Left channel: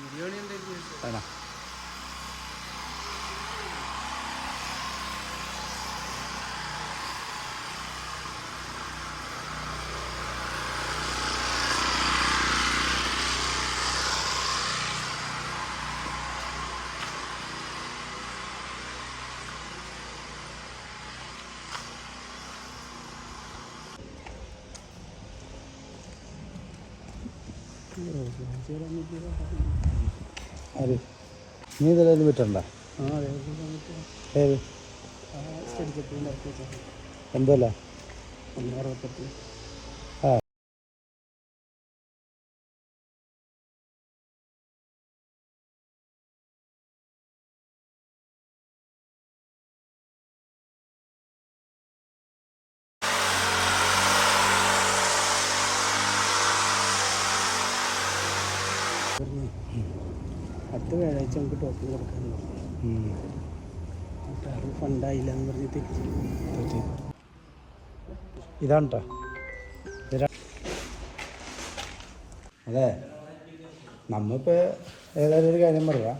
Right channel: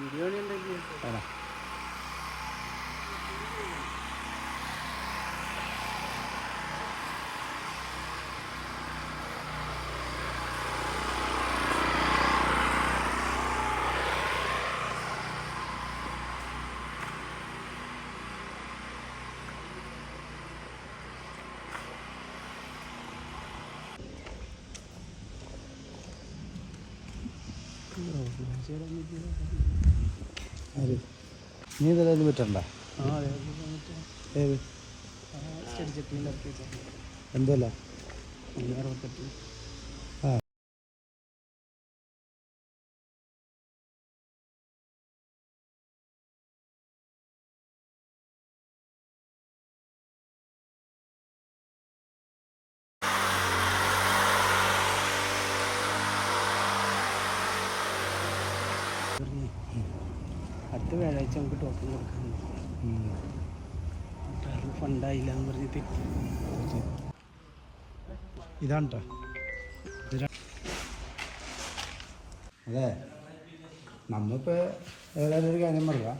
ബിരിയാണി ഉണ്ടാക്കി വേണോ ആര്? നീ ഇതിലും വിറ്റണ്ട ഏത്? എന്തല്ല ഒന്ന് അറുപത്തെട്ട്. അടുത്ത വ്യാഴാഴ്ച നമുക്ക് ടോക്കൺ കൊടുക്കാൻ അത് ഫണ്ടായില്ല എന്ന് പറഞ്ഞിട്ട് ഇതാണ് അതെ. നമ്മളിപ്പോൾ ഏതായാലും ഒരു കാര്യം പറയാം.